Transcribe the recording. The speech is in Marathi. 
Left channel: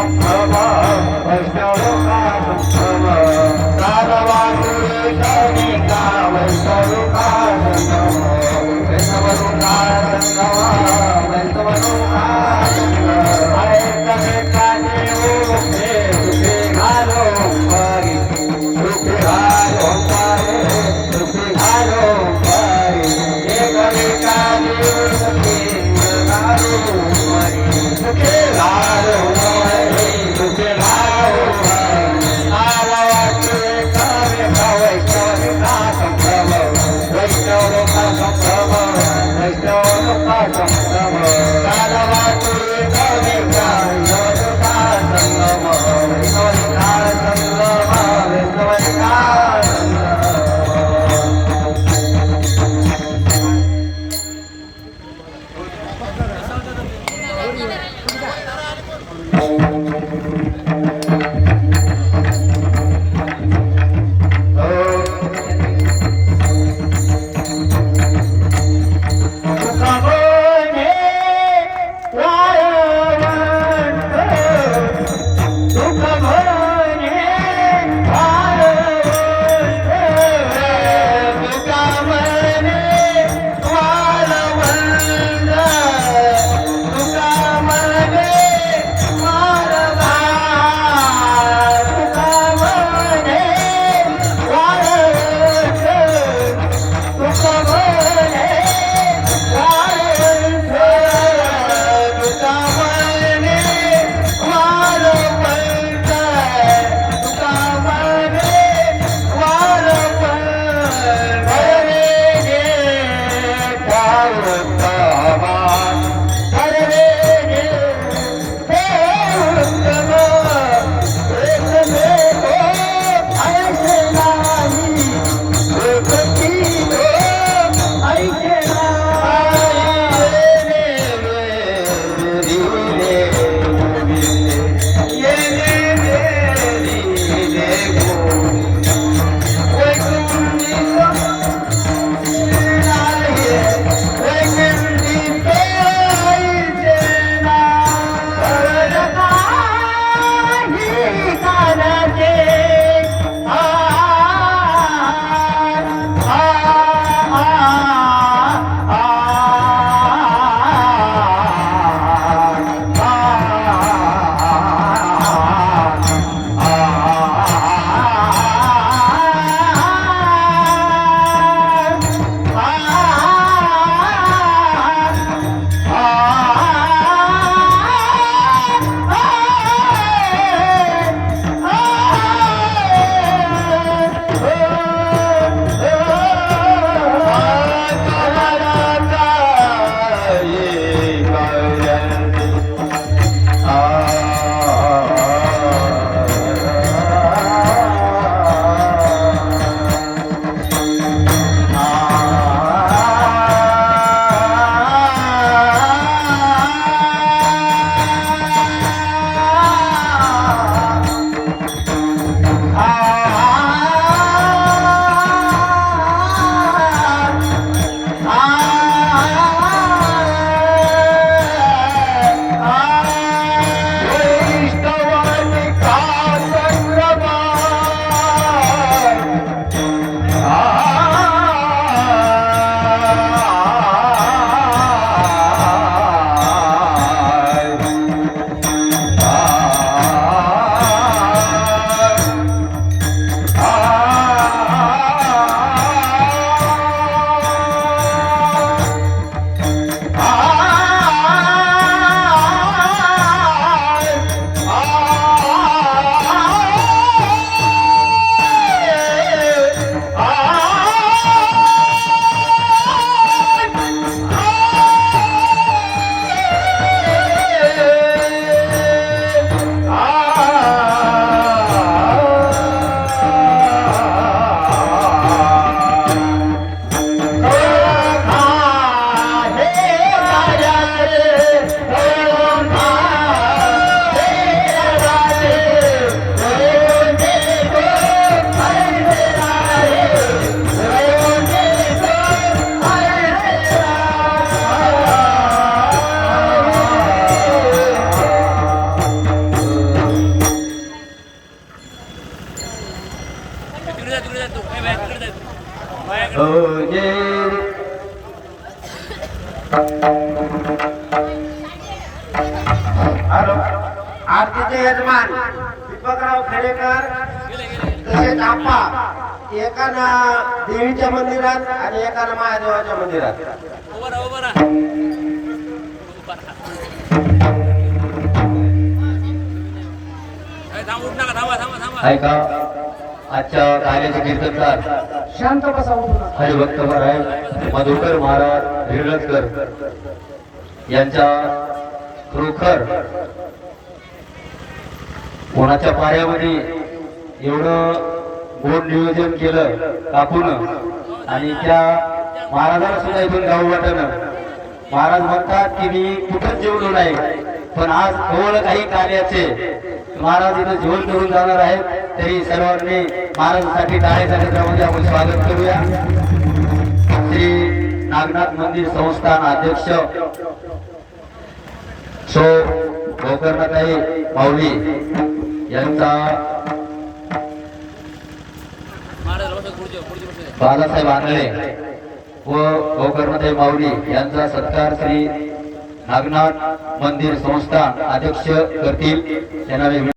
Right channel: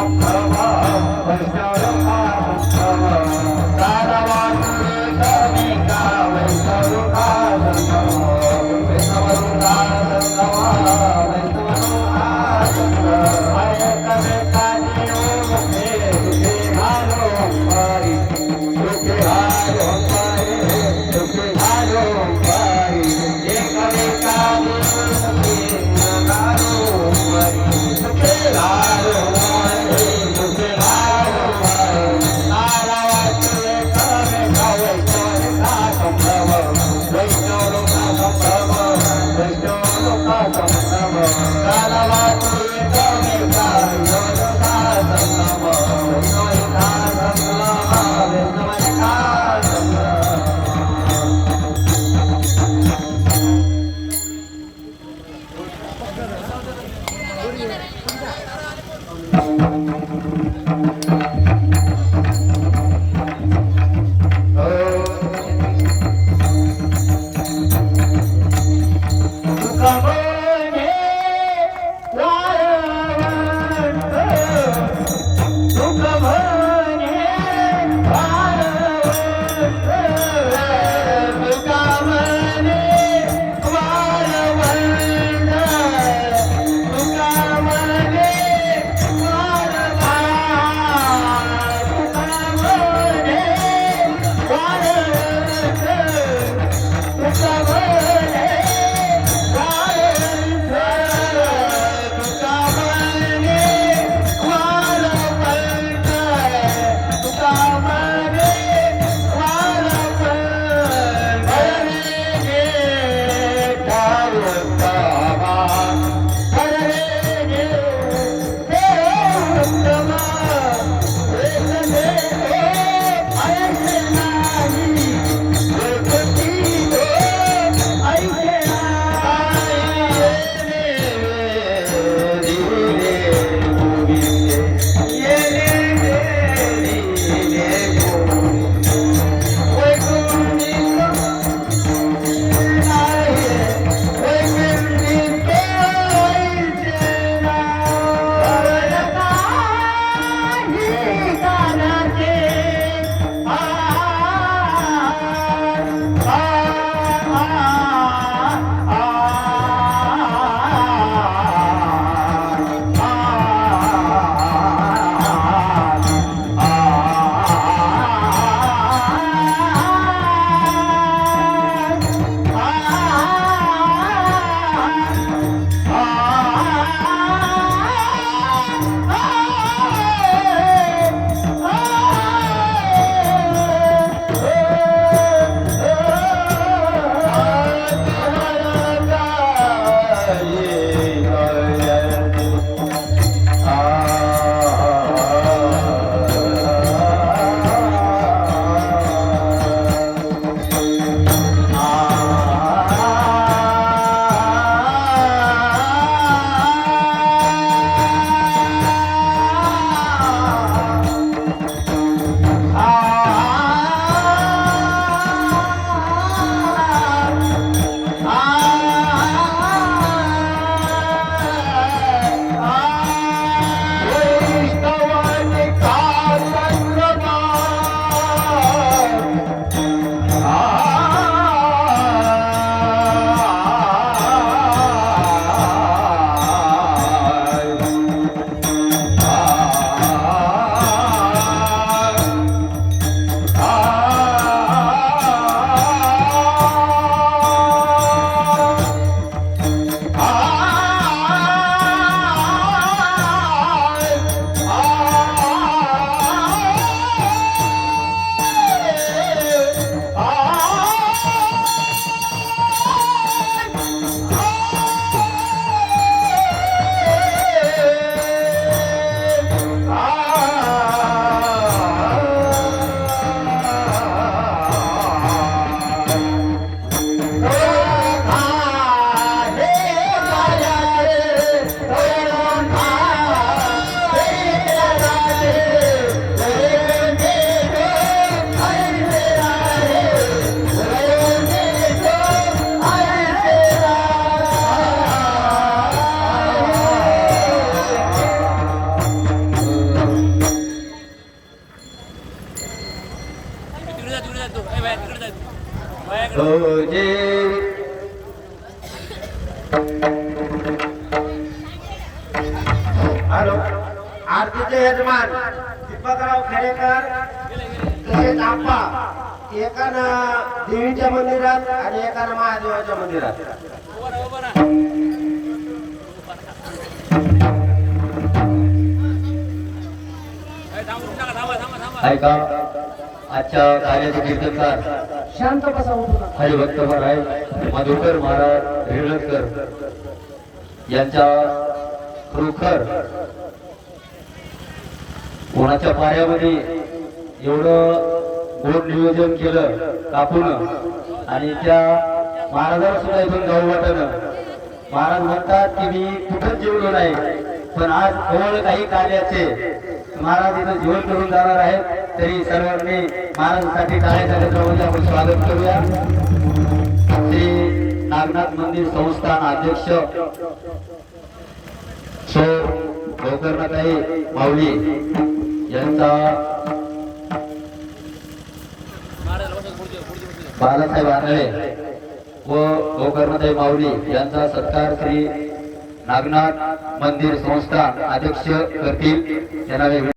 संभ्रम वैष्णवलोका Vamos. bom. आरतीचे यजमान दीपकराव खेडेकर तसेच आप्पा एकानं देवीच्या मंदिरात आणि एकानं महादेवाच्या मंदिरात. ऐका. आजच्या कार्याचे कीर्तनकार शांत बसा हरिभक्त महाराज मधुकर महाराज रिळकर यांच्या खरोखर कोणाच्या पाऱ्यामध्ये एवढं गोड नियोजन केलं काकून आणि त्या महाराजाला सुद्धा इथून गाऊ वाटणं. महाराज म्हणतात की मी कुठंच जेवलो नाही पण आज जवळ काही कार्याचे. महाराज इथं जेवण करून जाणार आहेत. तरी सर्वांनी महाराजांसाठी टाळ्या कार्यक्रमामध्ये आपण स्वागत करूया. श्री नागनाथ मंदिर संस्थान अध्यक्ष सो गोकर्णताई माऊली यांचा बाळासाहेब आंधळे व गोकर्णताई माऊली यांचा सत्कार श्री नागनाथ मंदिर संस्थान अध्यक्ष करतील. त्यांना